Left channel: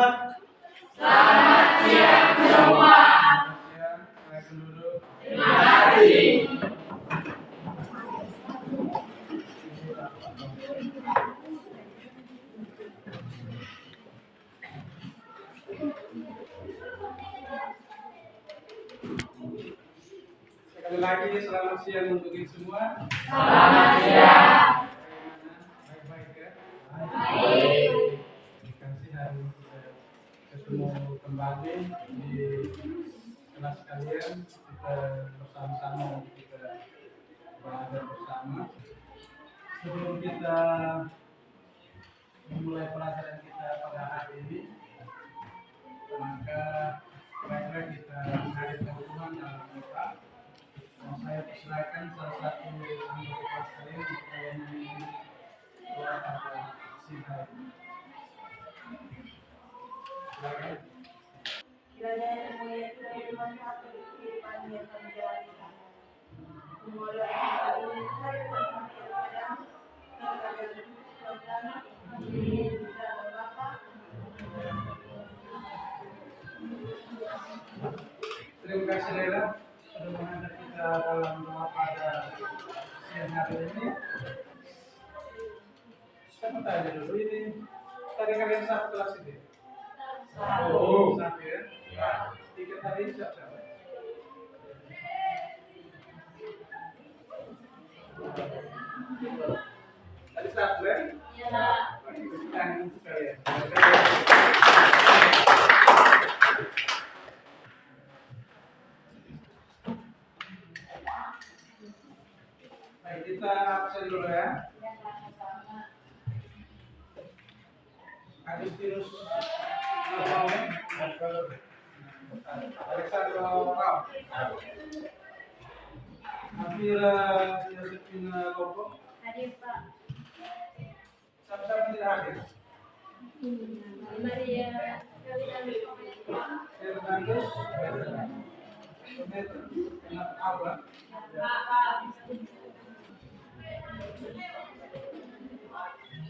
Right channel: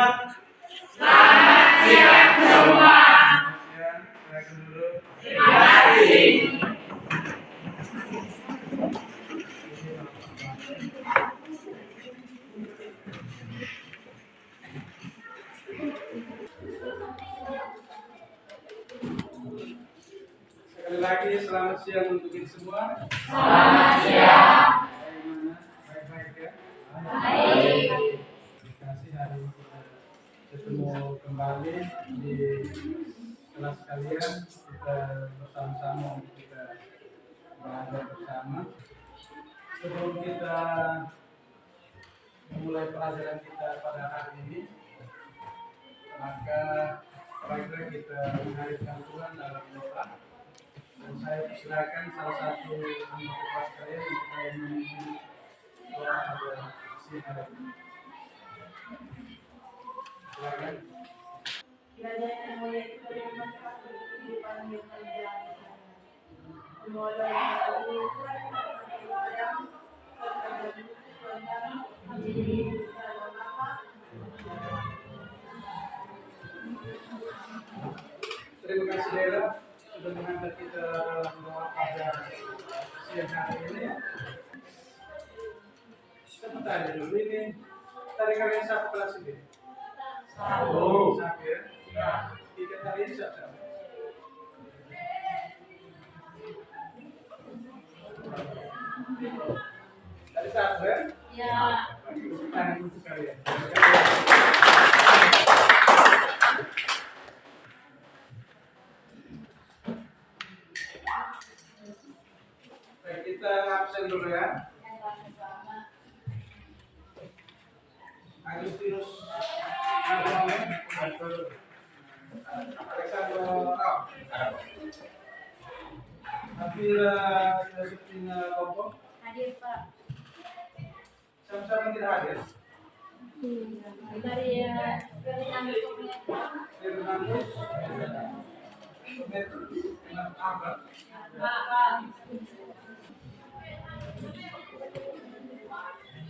sifat. Selamat siang semua. Ya, silakan dulu. Terima kasih. Sekali lagi selamat siang untuk kita semua. Selamat siang. Bagaimana? Baik-baik ya? Baik. Terima kasih hari ini kita ketemu kembali di kelas kalian. Kita bersama-sama kita belajar bersama. Sebelum kita memulai pelajaran kita pada hari ini, maka baiklah kita menghadirkan Tuhan dalam doa. Dan saya persilakan salah satu anggota kelas kalian untuk memimpin doa pada siang hari ini. Silakan. Kiranya yang mulia itu dari bermanfaat untuk kehidupan yang terjadi. Semoga hal ini selalu bermanfaat kepada Tuhan kami. Amin. Dalam Bapa. Terima kasih Dela sudah menghantar kita dalam doa pada siang hari ini. Saya mau tanya dulu ini tadi kalian siapa kelas ini? Satu. Satu ya? Ya. Tiga tadi ini siapa? Tadi satu ya? Ya. Tangan untuk kalian. Baik, kita absen dulu ya. Agustinus Alexander Rao. Afira Yosefina Lopo. Hadir Pak. Sama-sama tidak hadir. Maria Fernandus. Fernandus. Kenapa apa?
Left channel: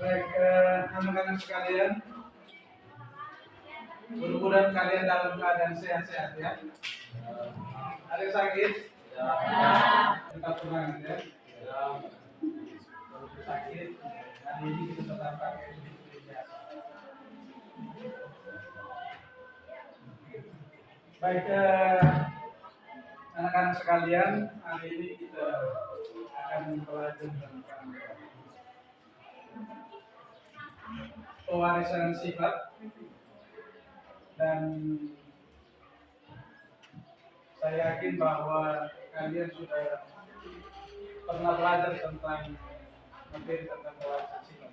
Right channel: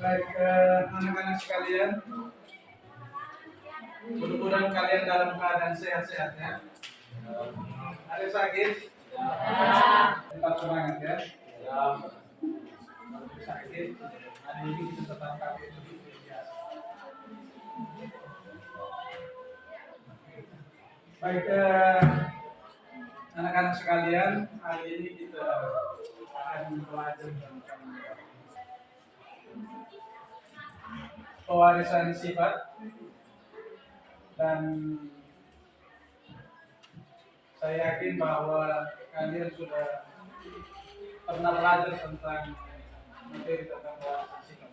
Baik, anak-anak sekalian, mudah-mudahan kalian dalam keadaan sehat-sehat ya. Ada yang sakit? Tetap semangat ya. Kalau sakit, hari ini kita tetap pakai seperti biasa. Baik, anak-anak sekalian, hari ini kita akan belajar tentang pewarisan sifat, dan saya yakin bahwa kalian sudah pernah belajar tentang materi tentang pewarisan sifat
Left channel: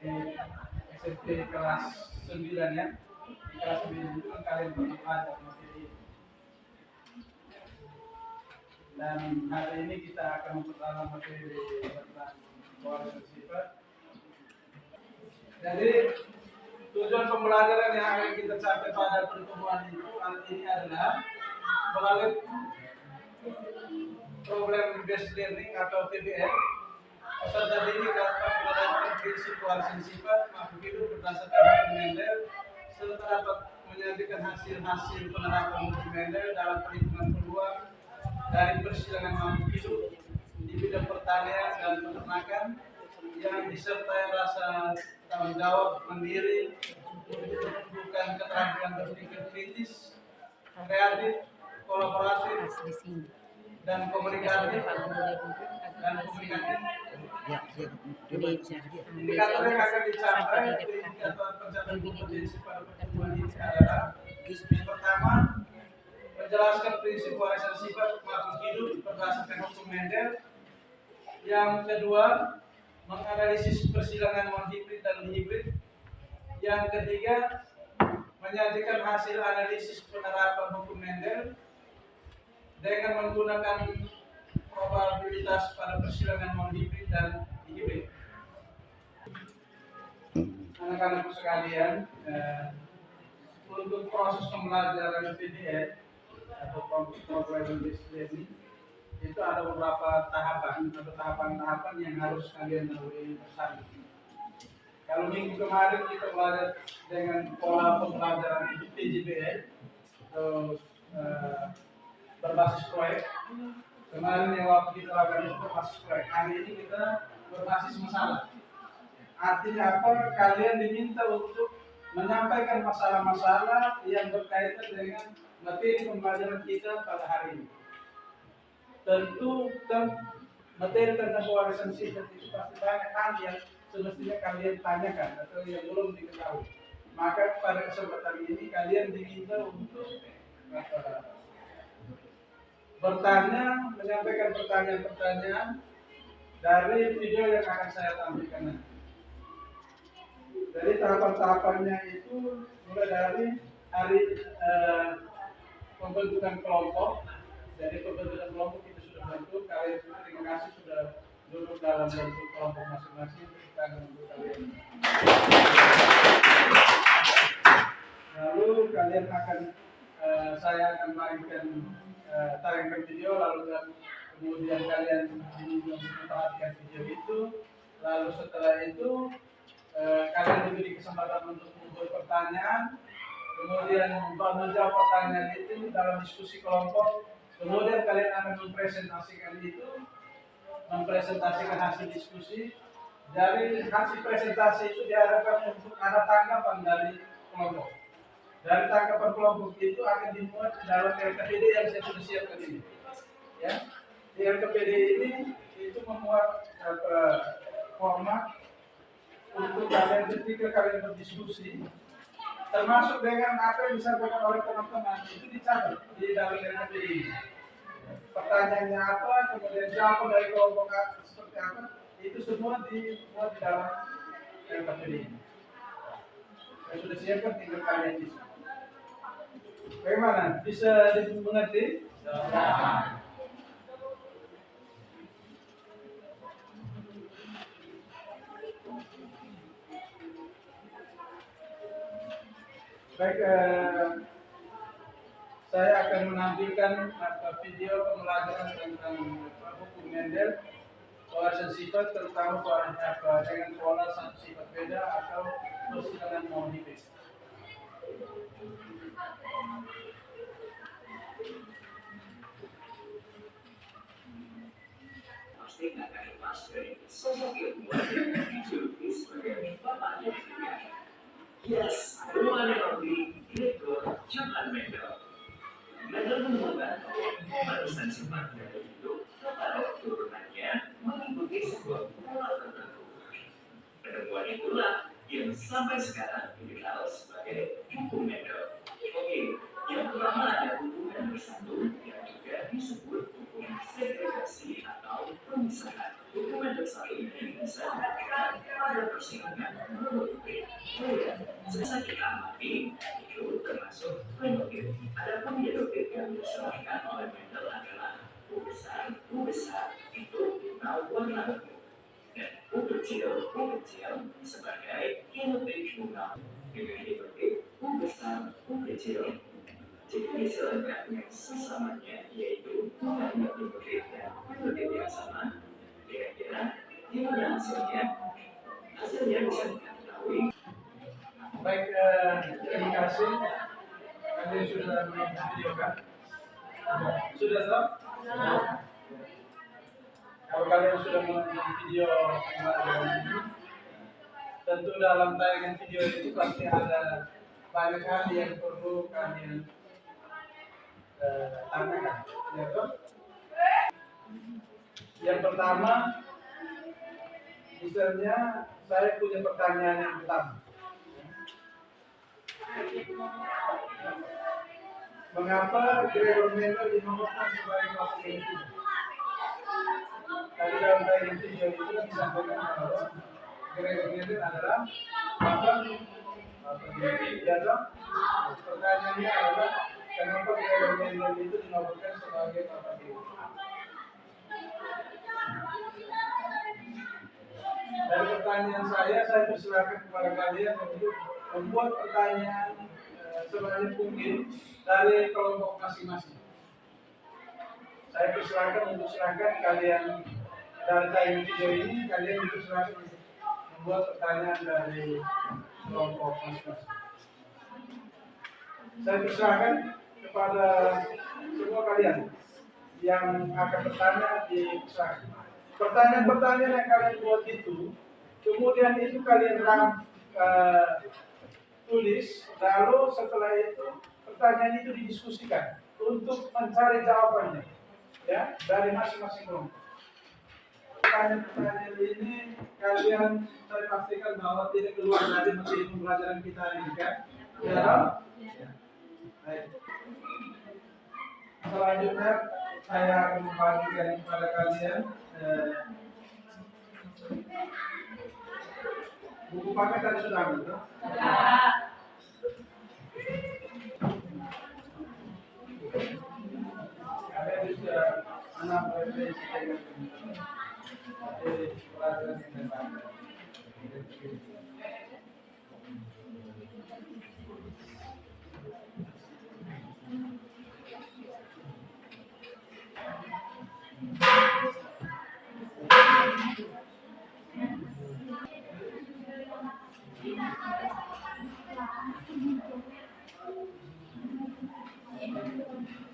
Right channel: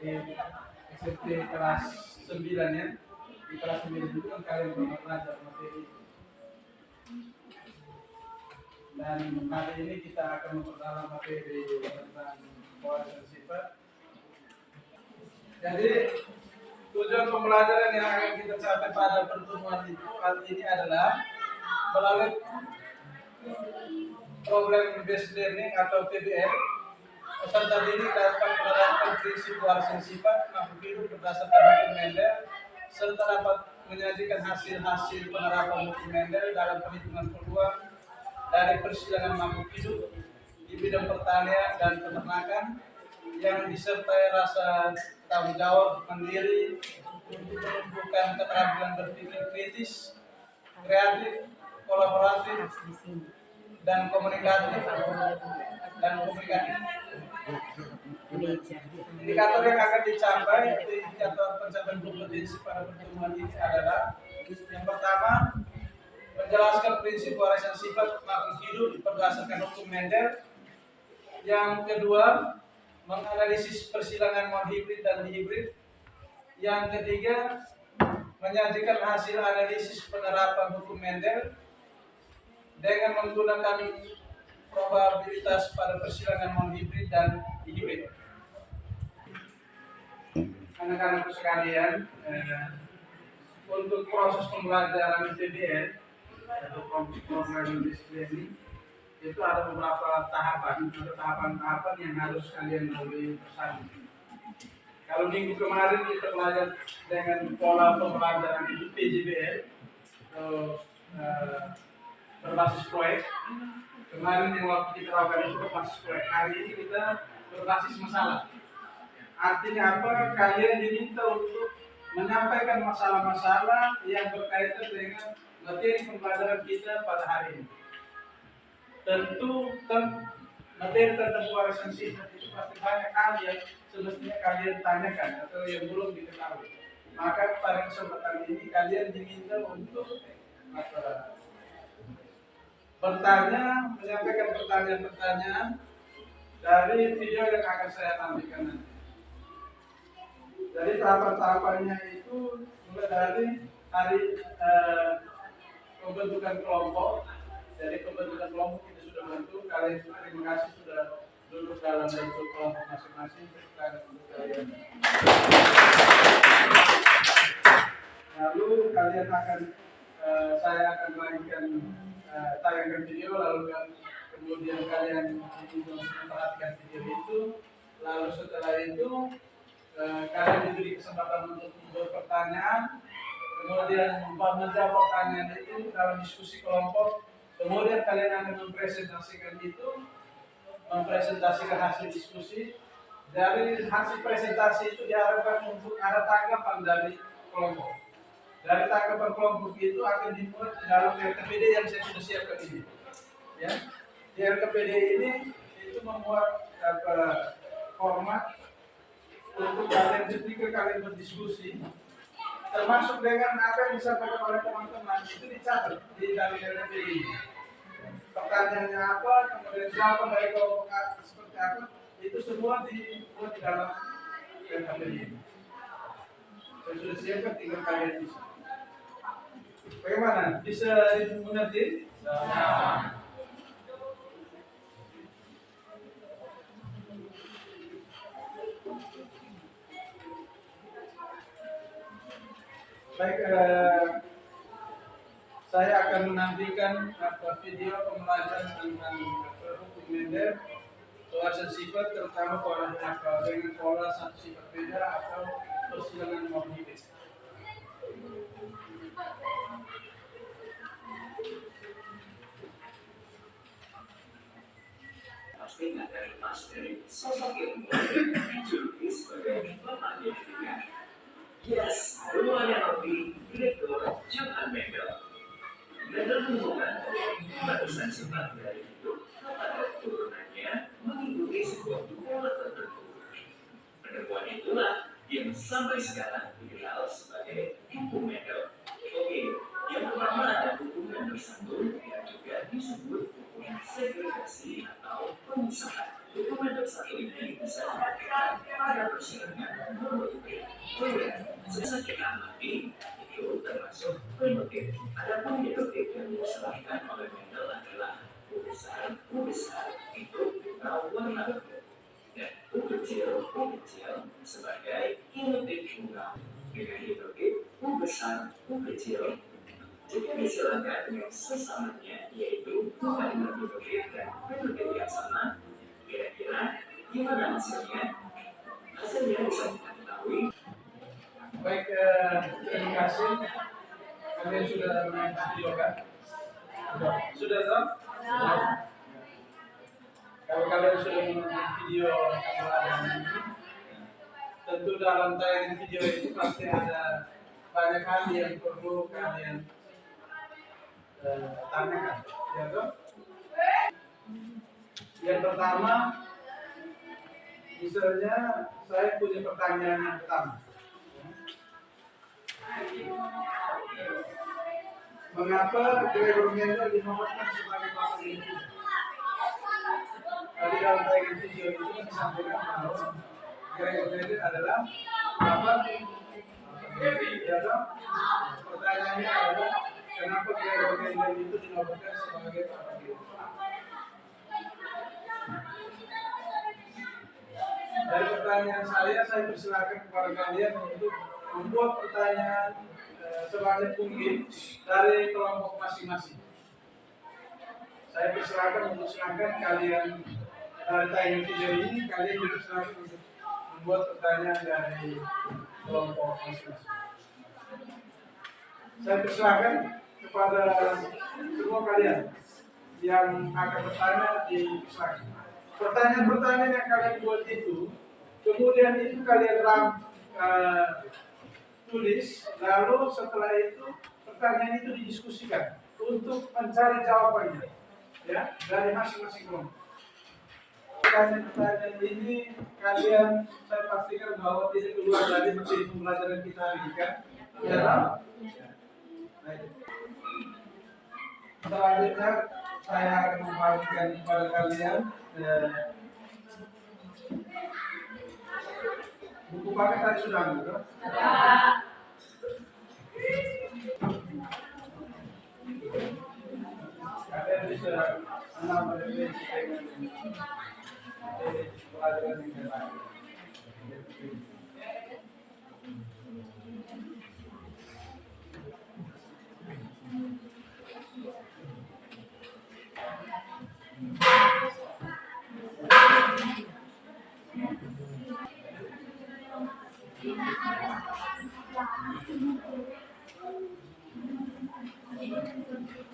di SMP kelas 9 ya. Di kelas 9 itu kan kalian pernah belajar materi, dan hari ini kita akan memperdalam materi tentang pewarisan sifat. Jadi tujuan pembelajaran yang akan kita capai pada pertemuan itu ini adalah melalui program based learning atau PBL. Peserta didik dapat menerapkan prinsip pewarisan sifat makhluk hidup berdasarkan hukum Mendel serta dapat menyajikan hasil-hasil penerapan hukum Mendel dalam perhitungan peluang dari persidangan makhluk hidup di bidang pertanian dan peternakan yang disertai rasa tanggung jawab mandiri, menumbuhkan keterampilan berpikir kritis, kreatif, kolaboratif, dan komunikatif. Indikator yang akan dicapai, indikator pencapaian kompetensi pada pertemuan ini adalah yang pertama, menjelaskan prinsip pewarisan sifat makhluk hidup berdasarkan hukum Mendel. Yang kedua, menganalisis persilangan non-hibrid dan dihibrid. Yang ketiga, menyajikan hasil analisis penerapan hukum Mendel dengan menggunakan probabilitas pada persilangan non-hibrid dan dihibrid. Anak-anak sekalian, untuk proses pembelajaran PBL atau program based learning itu ada beberapa tahapan atau tahapan-tahapan yang harus kalian lalui bersama. Kalau minggu kemarin kita belajar dengan pola pembelajaran itu PJBL, eh, berbasis proyek. Kemarin yang waktu kita lakukan itu berbasis proyek. Hari ini kita berbasis masalah. Artinya apa? Kalian diminta untuk menyampaikan masalah-masalah yang berkaitan dengan materi pembelajaran kita pada hari ini. Tentu materi tentang pewarisan sifat itu pasti banyak hal yang semestinya kalian tanyakan atau yang belum diketahui. Maka pada kesempatan ini kalian diminta untuk bertanya, menyampaikan pertanyaan-pertanyaan dari video yang akan saya tampilkan nanti. Jadi tahapan-tahapannya itu mulai dari hari pembentukan kelompok. Jadi pembentukan kelompok kita sudah bentuk. Kalian semua terima kasih sudah duduk dalam bentuk kelompok masing-masing. Untuk kalian. Lalu kalian akan saya akan bagikan tayangkan video, lalu kemudian kalian memperhatikan video itu. Lalu setelah itu kalian diberi kesempatan untuk membuat pertanyaan, kemudian menjawab pertanyaan itu dalam diskusi kelompok. Kemudian kalian akan mempresentasikan hasil diskusi. Dari hasil presentasi itu diharapkan untuk ada tanggapan dari kelompok. Dari tanggapan kelompok itu akan dimuat dalam LKPD yang saya sudah siapkan ini. Ya, di LKPD ini itu memuat format untuk kalian ketika kalian berdiskusi, termasuk dengan apa yang disampaikan oleh teman-teman itu dicatat di dalam LKPD ini. Pertanyaannya apa, kemudian jawaban dari kelompok seperti apa, itu semua dimuat di dalam LKPD ini. Saya sudah siapkan, tinggal kalian bisa. Bagaimana? Bisa dimengerti? Baik, saya akan menampilkan video pembelajaran tentang hukum Mendel, pewarisan sifat, terutama dengan pola satu sifat beda atau persilangan morbid. Pasti nggak terlepas dari sosok yang dijuluki sebagai bapaknya dunia. Yes, the one and only Direktur Johan Mendel. Mendel mengumumkan bahwa pewarisan sifat dari hidup kepada keturunannya mengikuti sebuah pola tertentu. Penemuan itulah yang sampai sekarang dikenal sebagai hukum Mendel. Oke, yang pertama ada hubungan bersambung yang juga disebut hubungan segregasi atau pemisahan. Hubungan bersatu ini bisa dilakukan pada persilangan monotipe. Sesa kita amati itu termasuk fenotip. Adapun genotip yang diserahkan oleh Mendel adalah U besar itu warna ungu, dan U kecil sebagai genotip tunggal. Dengan genotip U besar, U kecil jika diserahkan dengan sesamanya, yaitu kalimat genotip dan fenotip yang sama, kira-kira gimana hasilnya? Hasilnya bisa kita ketahui. Baik, terima kasih. Kalian sudah menonton video kan? Sudah toh? Kalau kalian sudah menonton video pembelajaran ini, tentu dalam tayangan video itu pasti ada banyak hal yang perlu kalian tanyakan, ya toh? Yang pertama, misalnya saya punya pertanyaan yang pertama. Mengapa Gregor Mendel dinobatkan sebagai bapak ilmu? Tadi dalam tayangan video itu disampaikan bahwa Gregor Mendel adalah bapak ilmu. Pertanyaannya adalah kenapa Gregor Mendel itu dinobatkan sebagai bapak ilmu? Dari pertanyaan saya persilakan kepada kalian untuk membuat pertanyaan sebanyak mungkin dari kelompok masing-masing. Saya persilakan untuk silakan kalian dari tayangan video ini kalian dipersilakan untuk membuat pertanyaan dari kelompok masing-masing. Saya persilakan kepada semua kalian yang akan bertanya di persilakan. Pertanyaan-pertanyaan yang kalian buat itu, kemudian itu kalian tulis, lalu setelah itu pertanyaan itu didiskusikan untuk mencari jawabannya, ya, dari masing-masing kelompok. Pertanyaan-pertanyaan ini kalian saya pastikan bahwa tidak keluar dari materi pembelajaran kita hari ini, kan? Ya. Baik. Selanjutnya saya akan membagikan kepada kalian buku paket tadi sudah ambil, kan? Kalian bisa menambah referensi dengan materi pelajaran yang lain.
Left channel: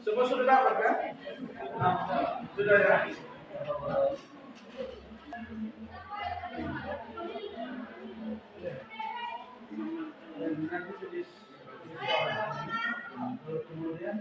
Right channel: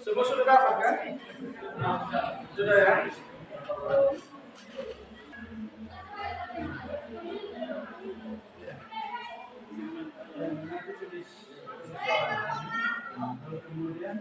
Semua sudah dapat, kan? Nah, sudah, ya. Dan nanti tulis kemudian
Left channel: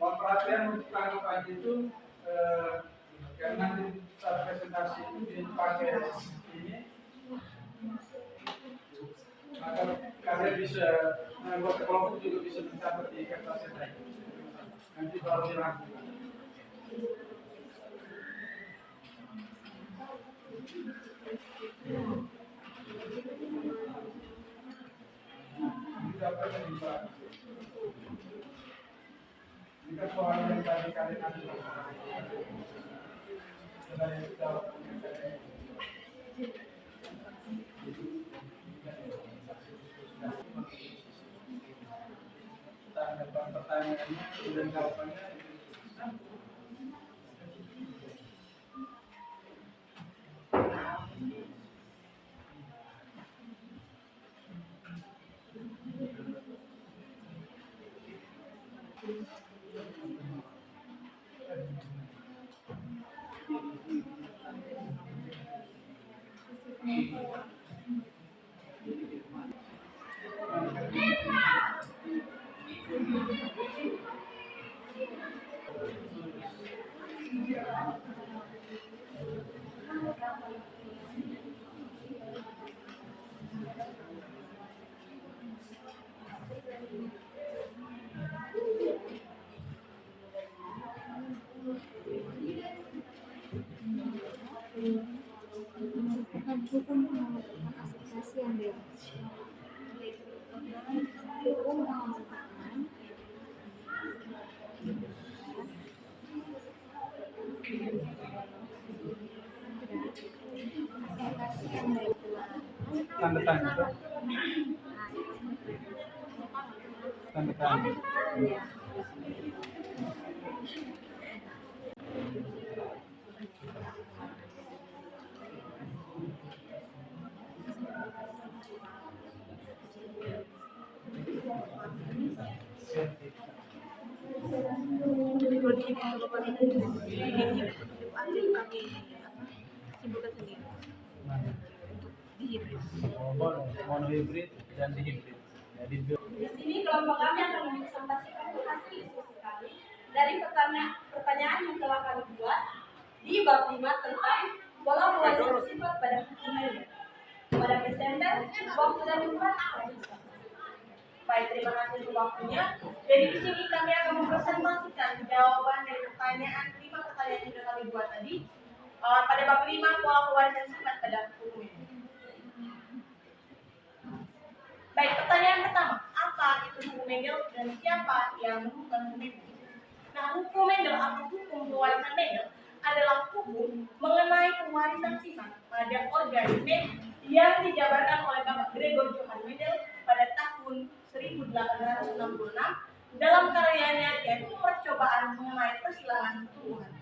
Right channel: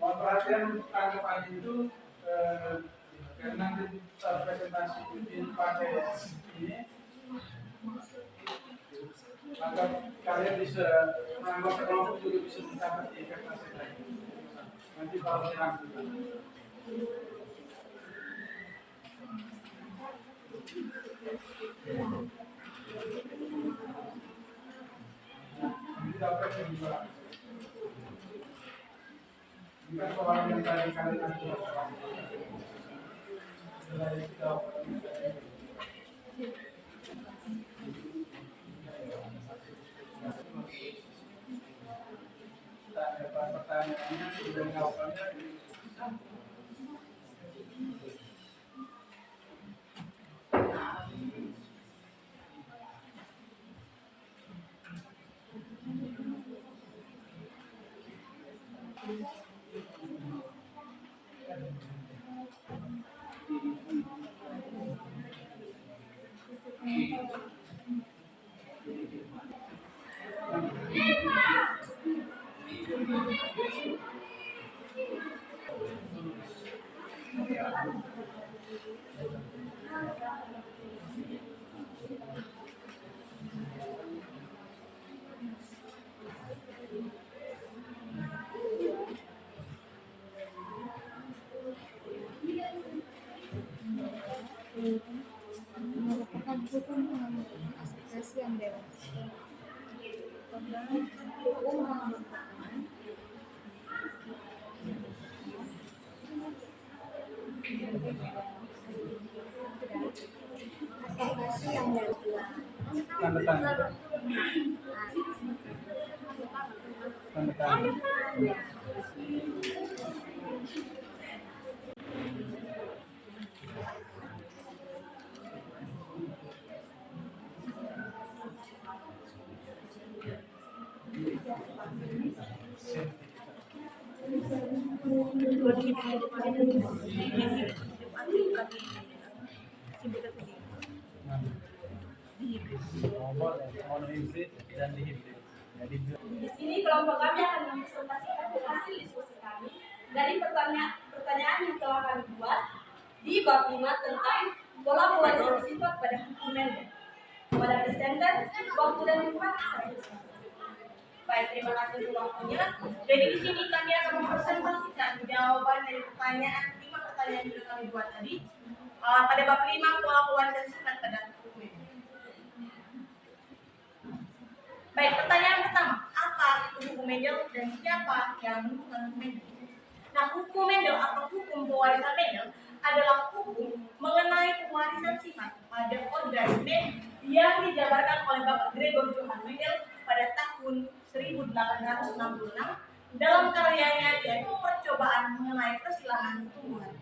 mohon perhatian untuk tangkap aja itu karena nanti saat presentasi itu dipakai ini, maka kalian bisa menganggap kelompok juga bisa mencatat di kertas ini. Nanti baru dilakukan. Ini dapatnya juga. Jika soal yang tadi kalian ajukan, setelah itu pertanyaannya dan jawabannya. merupakan hukum pengamankan asosiasi yang bebas. Hukum pengamankan asosiasi yang bebas. Yang bertanya. Yang bertanya. Mono hibrid dan dihibrid. Jadi di sini kelompok kami akan mempresentasikan hasil diskusi kami dari pertanyaan yang telah kami buat di bab 5 tentang pola pelajaran sifat pada hukum Mendel. Pada presenter, waktu dan tempat saya silakan. Baik, terima kasih untuk waktunya. Jadi di sini kami akan mempresentasikan jawaban dari pertanyaan 5 pertanyaan kedua tadi pada bab 5 pola pewarisan sifat pada hukum mendel. Baik, pertanyaan pertama, apa itu hukum Mendel dan siapa yang menemukan hukum Mendel? Nah, hukum Mendel atau hukum pewarisan Mendel adalah hukum mengenai pewarisan sifat pada organisme yang dijabarkan oleh Bapak Gregor Johann Mendel pada tahun 1866 dalam karyanya yaitu Percobaan mengenai Persilangan Tumbuhan.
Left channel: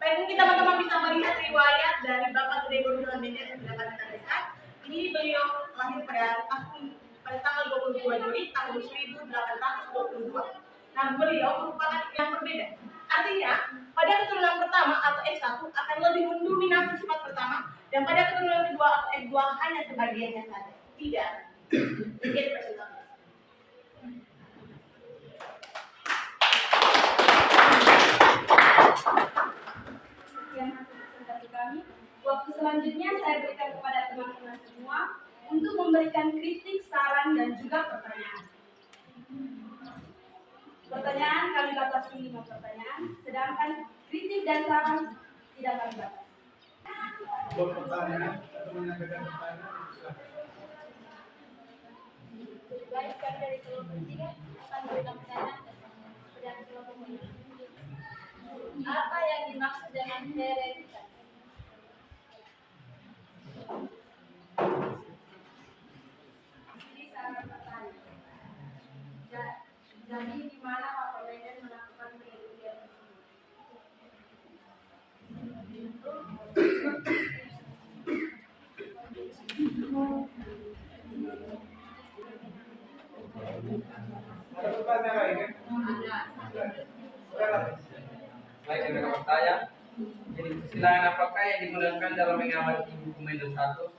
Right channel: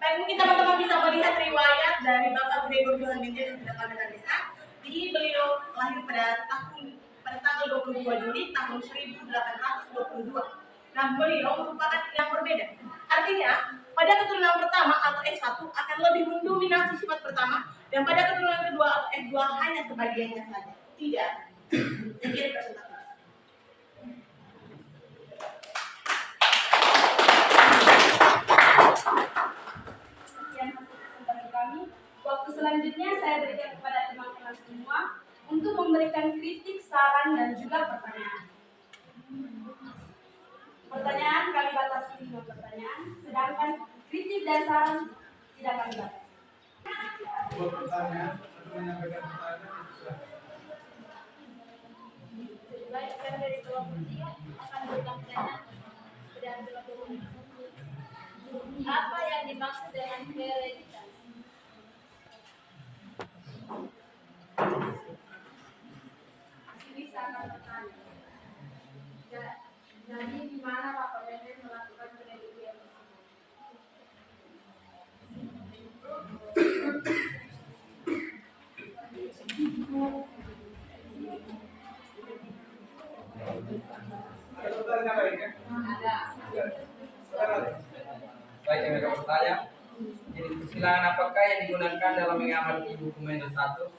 Baik, mungkin teman-teman bisa melihat riwayat dari Bapak Gregor Johann Mendel yang sudah kami tuliskan. Ini beliau lahir pada tanggal 22 Juli tahun 1822. Nah, beliau merupakan yang berbeda. Artinya, pada keturunan pertama atau S1 akan lebih mendominasi sifat pertama, dan pada keturunan kedua atau S2 hanya sebagiannya saja. Tidak. Sekian presentasi. Sekian hasil presentasi kami. Waktu selanjutnya saya berikan kepada teman-teman semua untuk memberikan kritik, saran, dan juga pertanyaan. Pertanyaan kami batasi 5 pertanyaan, sedangkan kritik dan saran tidak kami batasi. Buat pertanyaan atau menyampaikan pertanyaan, silakan. Baik, kami dari kelompok 3 akan memberikan pertanyaan kepada kelompok 5. Apa yang dimaksud dengan hereditas? Ini sangat bertanya. Jadi di mana Pak Mendel melakukan penelitian tersebut? Ada pertanyaan lain kan? Ada. Silakan. Baik, kami akan bertanya. Jadi, persilangan apakah yang digunakan dalam mengamati hukum Mendel 1?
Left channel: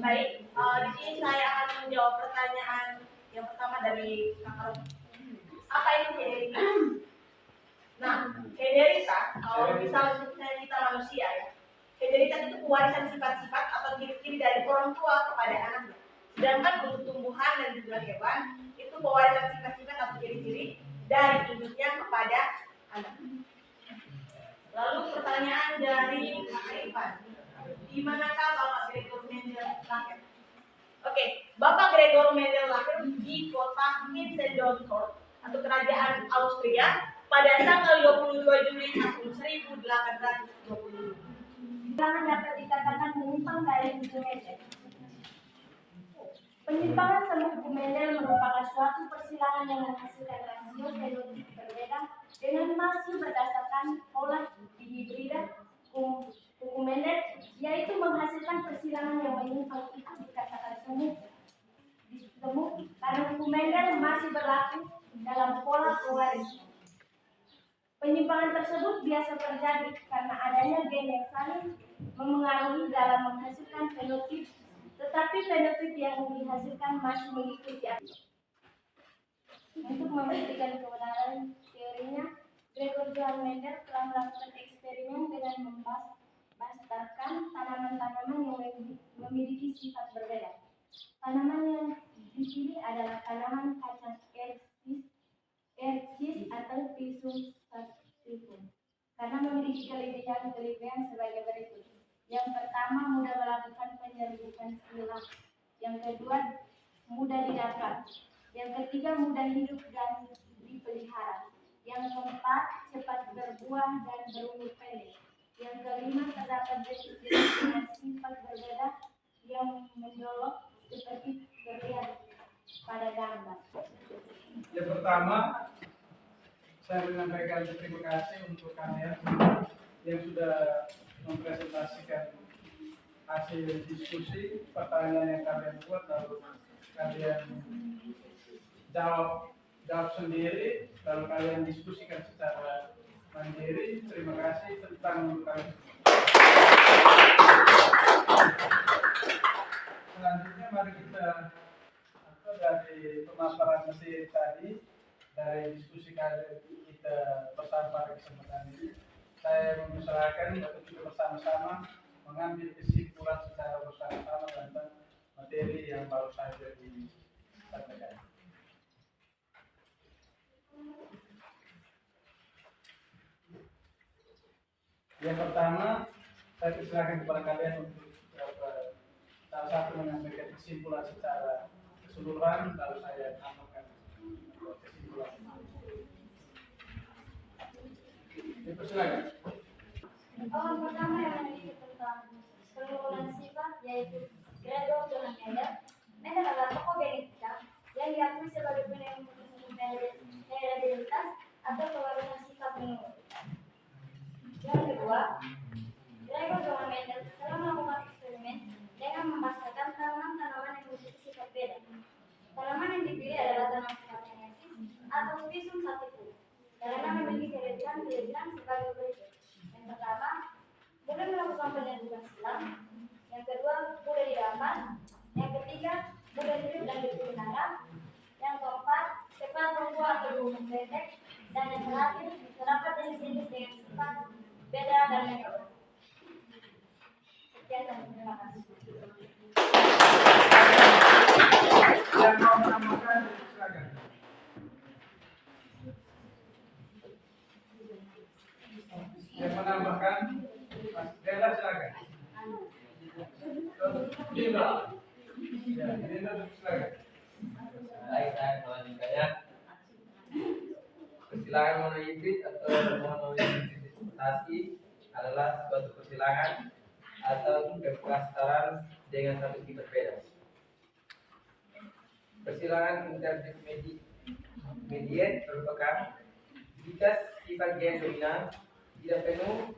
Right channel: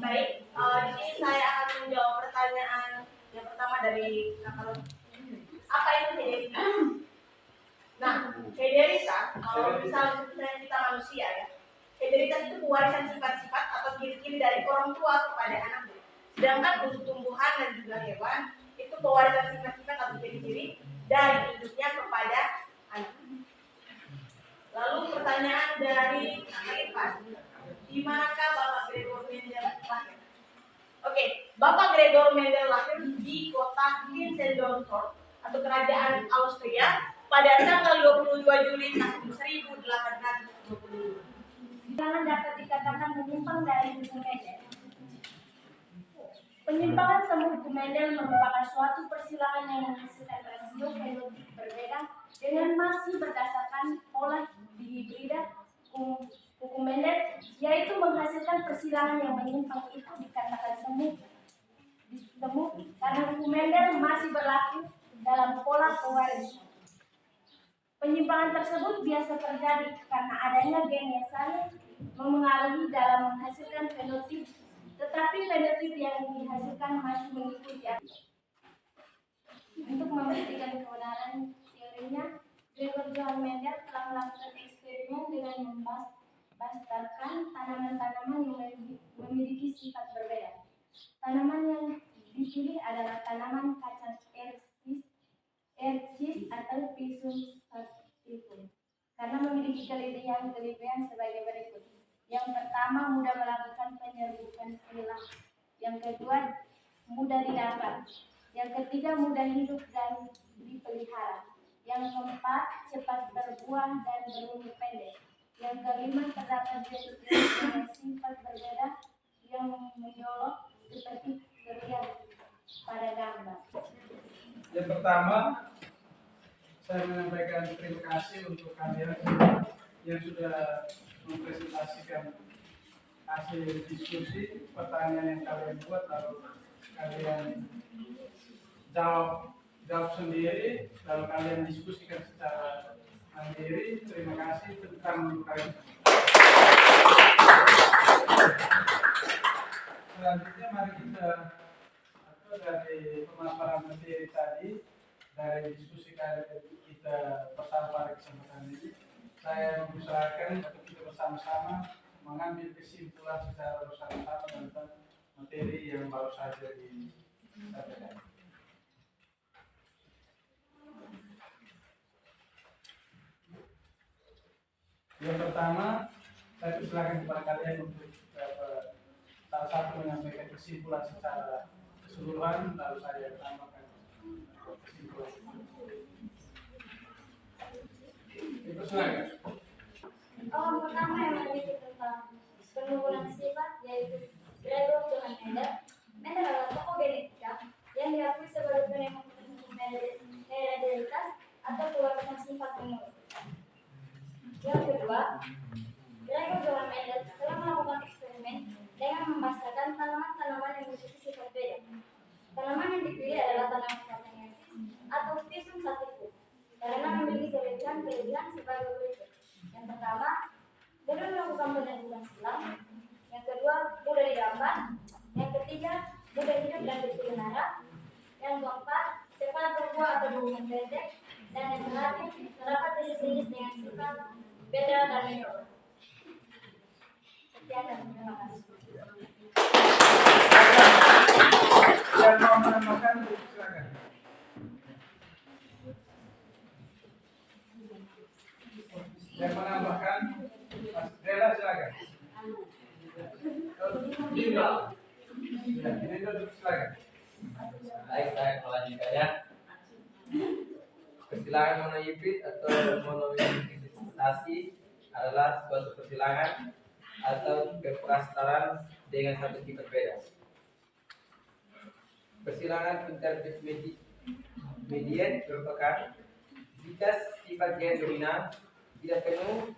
Baik, di sini saya akan menjawab pertanyaan yang pertama dari Kakak. Apa itu hederitas? Nah, hederitas, kalau misalnya kita manusia ya, hederitas itu pewarisan sifat-sifat atau ciri-ciri dari orang tua kepada anaknya. Sedangkan untuk tumbuhan dan juga hewan, itu pewarisan sifat-sifat atau ciri-ciri dari induknya kepada anak. Lalu pertanyaan dari Kakak Irfan, di manakah Bapak Gregor Mendel lahir? Oke, Bapak Gregor Mendel lahir di kota Zinzendorf atau kerajaan Austria pada tanggal 22 Juli tahun 1820. Penyimpangan dapat dikatakan menyimpang dari hukum Mendel. Penyimpangan semu hukum Mendel merupakan suatu persilangan yang menghasilkan rasio fenotip berbeda dengan masih berdasarkan pola dihibrida hukum Mendel, yaitu menghasilkan persilangan yang menyimpang itu dikatakan semu karena hukum Mendel masih berlaku dalam pola pewarisan. Penyimpangan tersebut biasa terjadi karena adanya gen yang saling memengaruhi dalam menghasilkan fenotip, tetapi fenotip yang dihasilkan masih mengikuti aturan. Untuk membuktikan kebenaran teorinya, Gregor Johann Mendel telah melakukan eksperimen dengan membastarkan tanaman-tanaman yang memiliki sifat berbeda. Tanaman yang dipilih adalah tanaman kacang Ercis atau Pisum sativum karena memiliki kelebihan sebagai berikut. Yang pertama, mudah melakukan penyerbukan silang. Yang kedua, mudah didapat. Yang ketiga, mudah hidup dan dipelihara. Yang keempat, cepat berbuah dan berumur pendek. Yang kelima, terdapat jenis dengan sifat berbeda yang mencolok seperti terlihat pada gambar. Yang pertama, saya menyampaikan terima kasih untuk kalian yang sudah mempresentasikan hasil diskusi, pertanyaan yang kalian buat, lalu kalian jawab sendiri, lalu kalian diskusikan secara mandiri. Terima kasih tentang untuk kalian. Selanjutnya mari kita dari pemaparan materi tadi, dari diskusi kita bersama pada kesempatan ini, saya mengusahakan untuk kita bersama-sama mengambil kesimpulan secara bersama-sama tentang materi yang baru saja disampaikan. Yang pertama, saya persilakan kepada kalian untuk salah satu menyampaikan kesimpulan secara keseluruhan, lalu saya tambahkan kesimpulan. Persilakan. Pertama yang memiliki tentang penurunan sifat yaitu Gregor Johann Mendel. Mendel adalah tokoh genetika yang diakui sebagai penemuan hereditaritas atau pewarisan sifat menurun. Yang kedua, Gregor Johann Mendel telah melakukan eksperimen dengan memasarkan tanaman-tanaman yang memiliki sifat beda. Tanaman yang dipilih adalah tanaman Catanensis atau Pisum sativum karena memiliki kelebihan sebagai berikut. Yang pertama, mudah melakukan penelitian silang. Yang kedua, mudah didapat. Yang ketiga, mudah hidup dan dipelihara. Yang keempat, cepat tumbuh atau berumur pendek. Dan yang terakhir, terdapat jenis-jenis dengan sifat beda dan menurun. Sekian dan terima kasih. Yang mau menambahkan, silakan. Yang menambahkan, Mas Dela silakan. Bimba. Ya, ini silakan. Baik, saya melanjutkan ya. Persilangan monohibrid atau monohibridisasi adalah suatu persilangan atau keprastaran dengan satu tipe berbeda. Persilangan intermediate merupakan jika sifat gen dominan tidak penuh,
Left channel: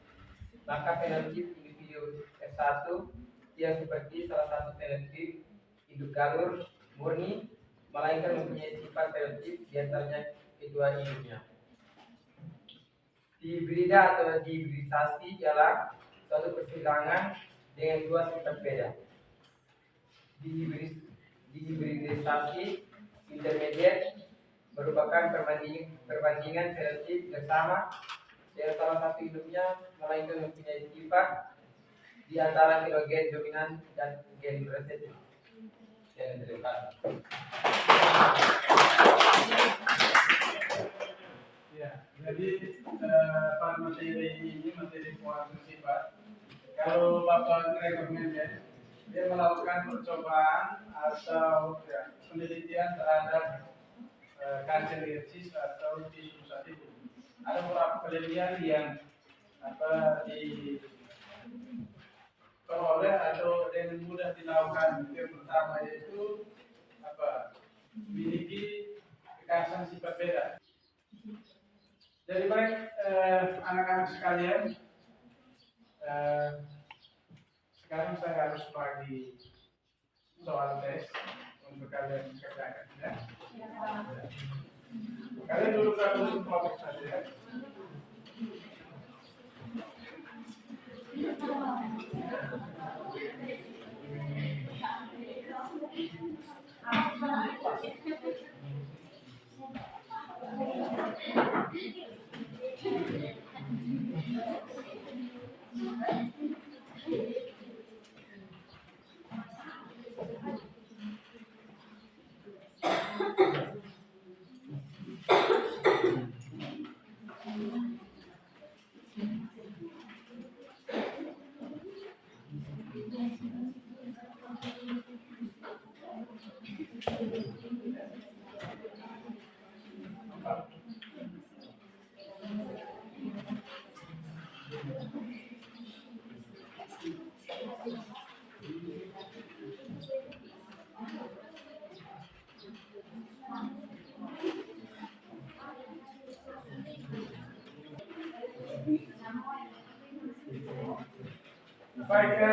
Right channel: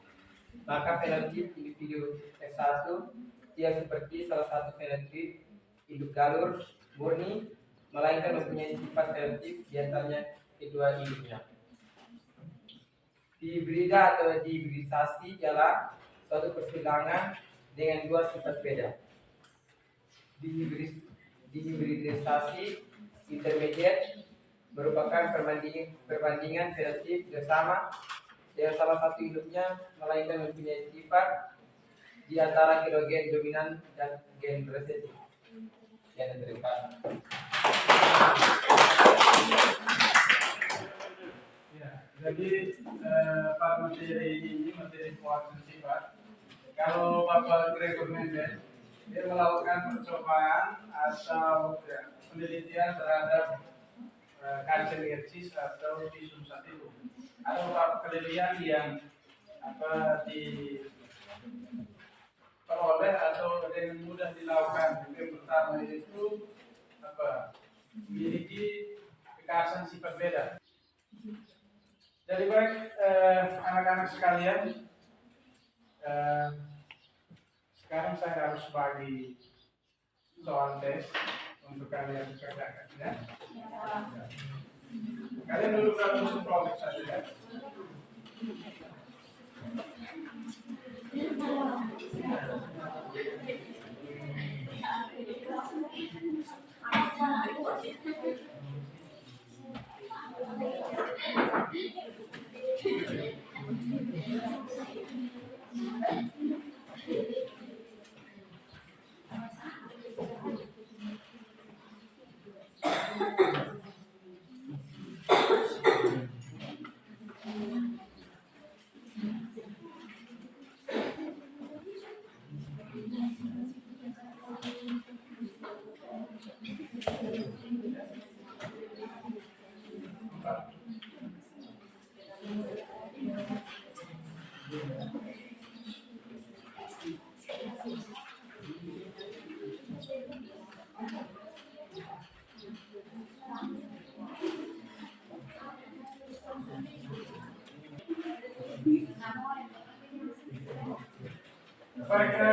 maka fenotip individu F1 tidak seperti salah satu fenotip induk galur murni, melainkan mempunyai sifat fenotip di antaranya kedua induknya. Dihibrida atau dihibridisasi ialah suatu persilangan dengan dua sifat beda. Dihibridisasi intermediate merupakan perbandingan fenotip bersama yang salah satu induknya melainkan mempunyai sifat di antara kedua gen dominan dan gen resesif. Gen derivat. Ya, jadi materi ini materi pewarna sifat. Kalau Bapak Gregor Mendel, dia melakukan percobaan atau penelitian terhadap Catanensis atau Pisum sativum. Ada beberapa kelebihan yang diperoleh atau dengan mudah dilakukan. Yang pertama yaitu memiliki kekhasan sifat beda. Jadi baik anak-anak sekalian, sekarang saya harus bagi soal tes untuk kalian kerjakan ya. Kalian dulu dalam usul project saja ya. Baik,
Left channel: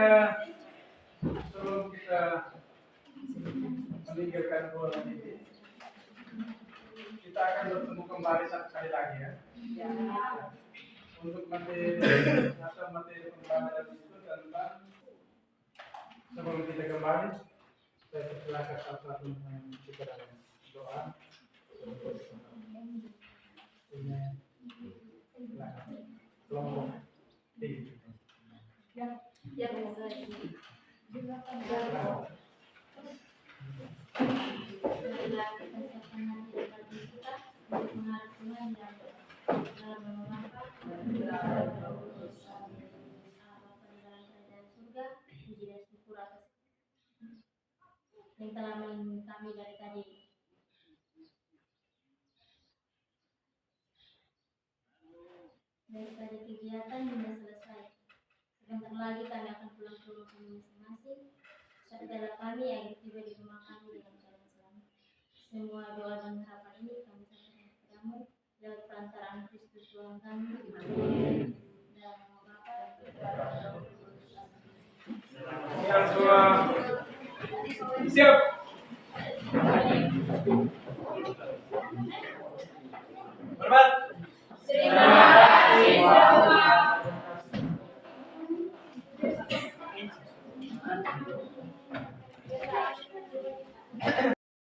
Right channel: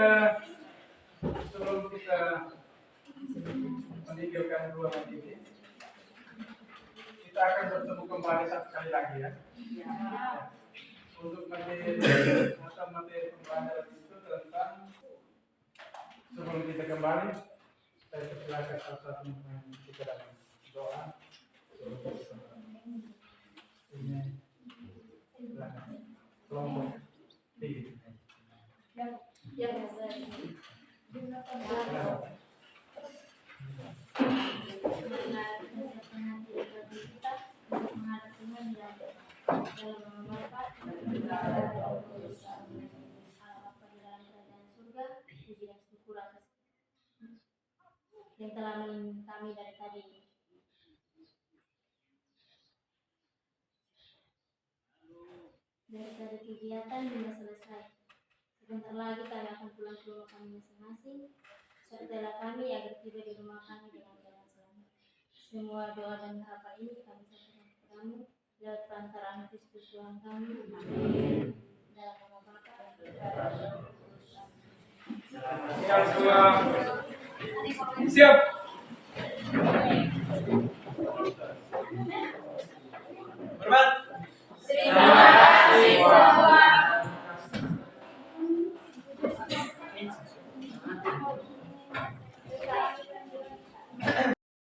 sebelum kita meninggalkan ruangan ini, kita akan bertemu kembali satu kali lagi ya. Untuk materi pembelajaran itu tentang sebelum kita kembali, saya persilakan satu-satu kita dalam doa. Ini silakan kelompok tinggi. Ya, benar. Dalam yang telah melindungi kami dari tadi. Daripada kegiatan hingga selesai. Sebentar lagi kami akan pulang ke rumah kami masing-masing. Sertalah kami agar tiba di rumah kami dengan keadaan selamat. Semua doa dan harapan ini kami sampaikan kepadamu lewat perantaraan Kristus Tuhan kami. Amin. Dalam nama Bapa dan Putra dan Roh Kudus. Amin. Siap.